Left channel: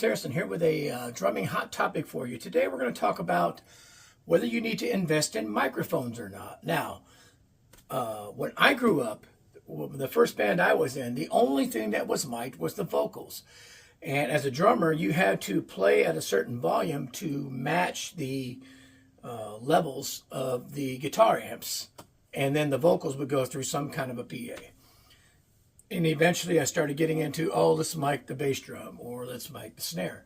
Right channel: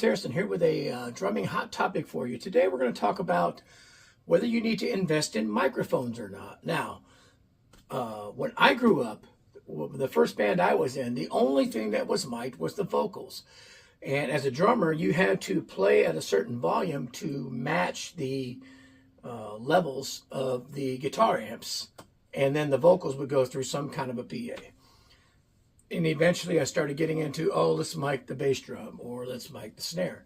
Harrison here with a drumming hot topic for you. Today we're going to talk about whether you need to invest in microphones or not. Now, when I grew up, the first band I was in, the only thing that was mic'd was the vocals. And as a drummer, you had to play at a certain volume to match the levels of the guitar amps. And then the vocals would go through some kind of a PA. And eventually I started getting into, let's mic the bass drum or let's mic the snare.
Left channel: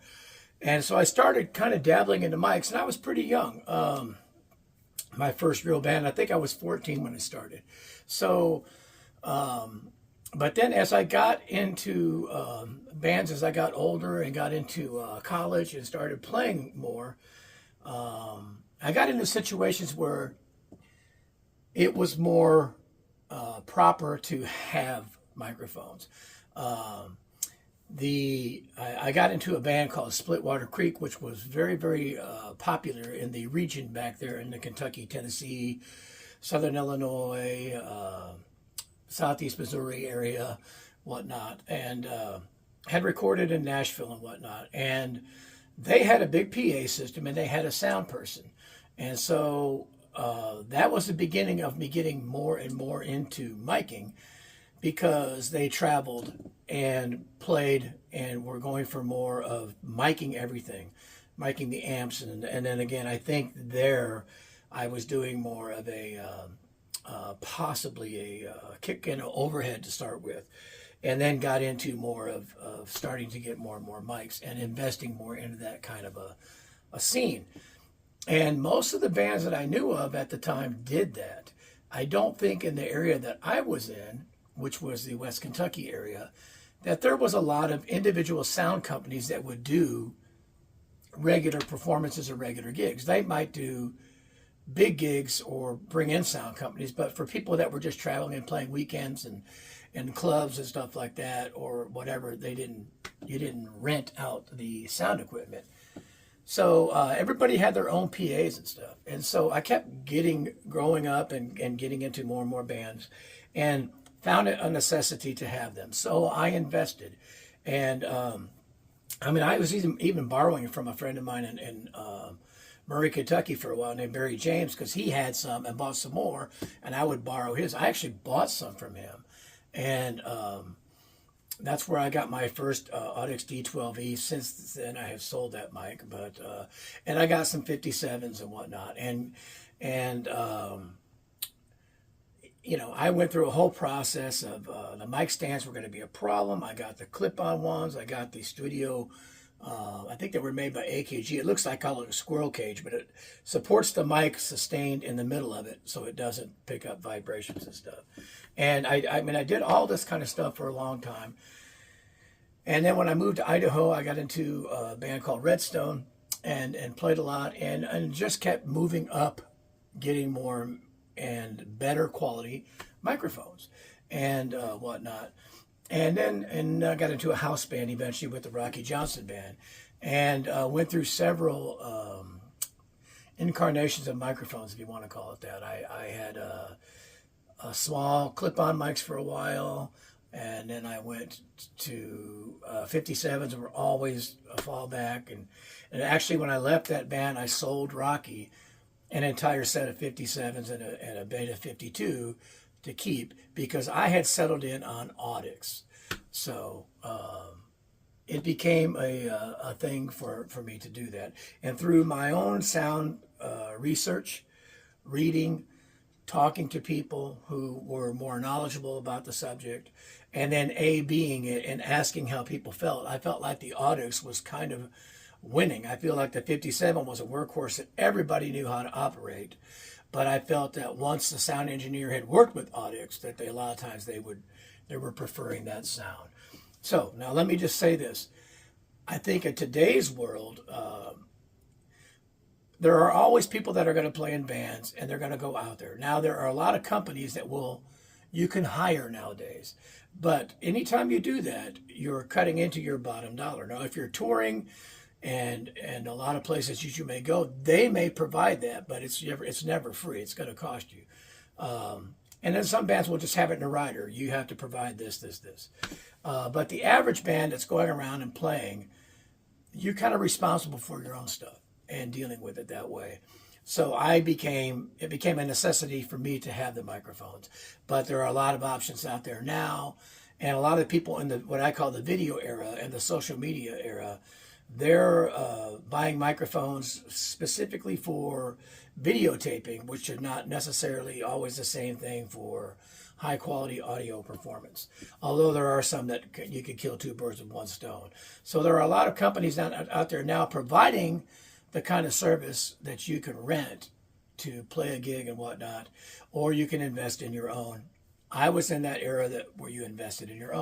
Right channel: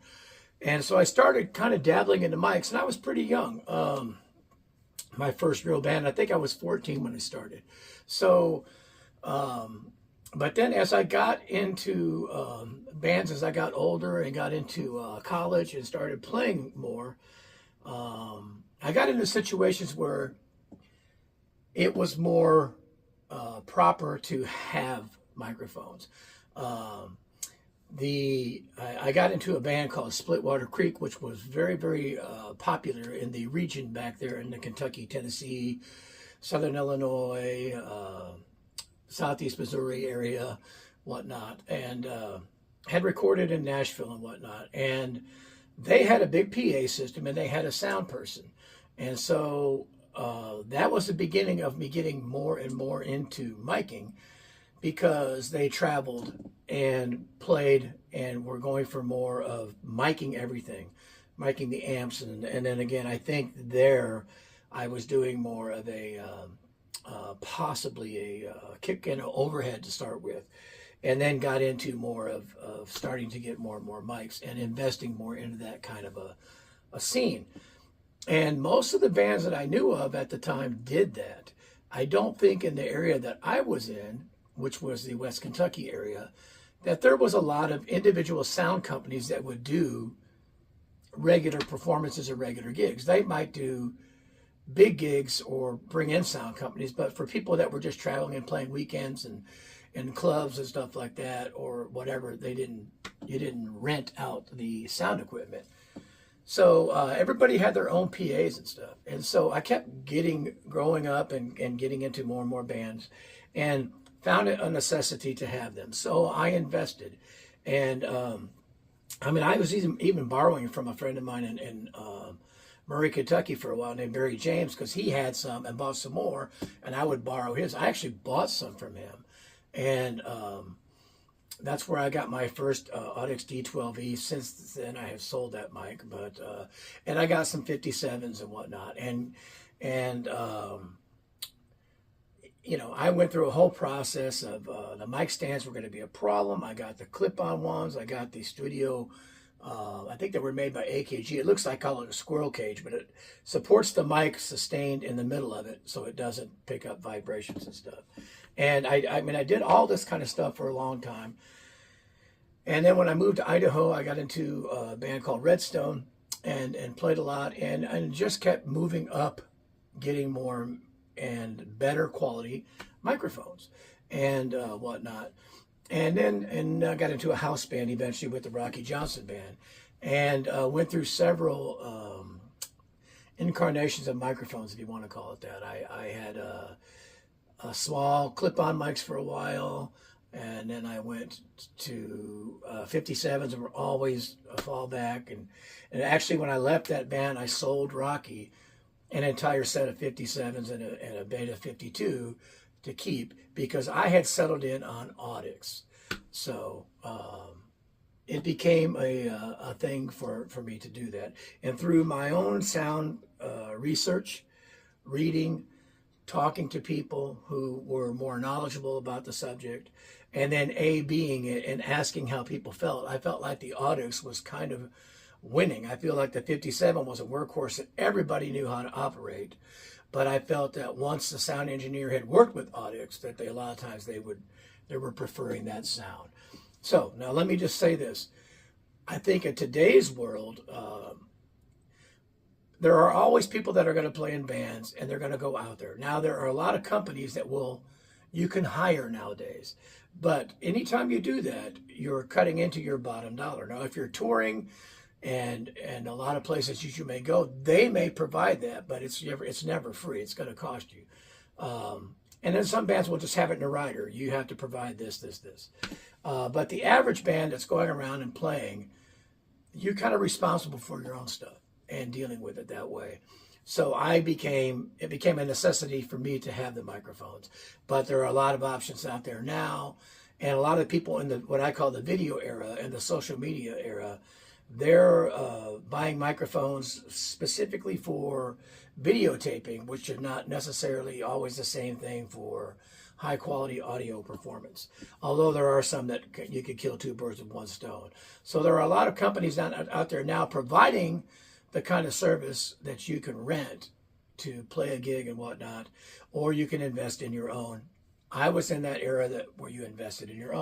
And so I started kind of dabbling into mics, and I was pretty young. My first real band, I think I was 14 when I started. So, but then as I got into bands, as I got older and got into college and started playing more, I got into situations where it was more proper to have microphones. I got into a band called Splitwater Creek, which was very, very popular in the region back there in the Kentucky, Tennessee, Southern Illinois, Southeast Missouri area, whatnot, and had recorded in Nashville and whatnot. And they had a big PA system and they had a sound person. And so that was the beginning of me getting more and more into miking, because they traveled and played and were going for more of miking everything, miking the amps. And then again, I think there I was doing more of a possibly a kick and overhead to start with, and then got into more of starting to get more and more mics and investing more into that kind of a scene. And most of the bands that I knew of at the time did that. I don't think in the area that I was in, which was the West Kentucky area, that there was a lot of individual sound companies that would do regular performances or regular gigs. They might do big gigs or bring in sound companies, but for people that were just traveling and playing weekends and clubs and stuff like that or whatever, you didn't rent out the sound equipment. So everybody had their own PAs and stuff. And so I kept growing up and getting into more and more bands, and found it a necessity to have them. So I invested. And I was even borrowing from a friend of mine in Murray, Kentucky for a while named Barry James, because he had some and bought some more, and I would borrow his. I actually bought some from him. And that's where I got my first Audix D12E. Since then, I have sold that mic, and I got some 57s and whatnot. And I went through a whole process of the mic stands were going to be a problem. I got the clip-on ones. I got the studio. I think they were made by AKG. It looks like I call it a squirrel cage, but it supports the mic sustained in the middle of it, so it doesn't pick up vibrations and stuff. And I did all this kind of stuff for a long time. And then when I moved to Idaho, I got into a band called Redstone and played a lot and just kept moving up, getting more and better quality microphones and whatnot. And then I got into a house band eventually with the Rocky Johnson Band, and went through several incarnations of microphones, if you want to call it that. I had a small clip-on mics for a while, and then I went to 57s, and were always a fallback. And actually, when I left that band, I sold Rocky an entire set of 57s and a Beta 52 to keep, because I had settled in on Audix. So it became a thing for me to do that. And through my own sound research, reading, talking to people who were more knowledgeable about the subject, and then being it and asking how people felt, I felt like the Audix was kind of winning. I feel like the 57 was a workhorse that everybody knew how to operate, but I felt that once the sound engineer had worked with Audix, that a lot of times they were preferring that sound. So now let me just say this: I think in today's world, there are always people that are going to play in bands and they're going to go out there. Now there are a lot of companies that you can hire nowadays, but anytime you do that, you're cutting into your bottom dollar. Now if you're touring, and a lot of places you may go, they may provide that, but it's never free. It's going to cost you. And then some bands will just have it in a rider. You have to provide this. But the average band that's going around and playing, you're kind of responsible for your own stuff and dealing with it that way. So it became a necessity for me to have the microphones. But there are a lot of options out there now, and a lot of people in the what I call the video era and the social media era, they're buying microphones specifically for videotaping, which are not necessarily always the same thing for high quality audio performance. Although there are some that you could kill two birds with one stone. So there are a lot of companies out there now providing the kind of service that you can rent to play a gig and whatnot, or you can invest in your own. I was in that era where you invested in your own.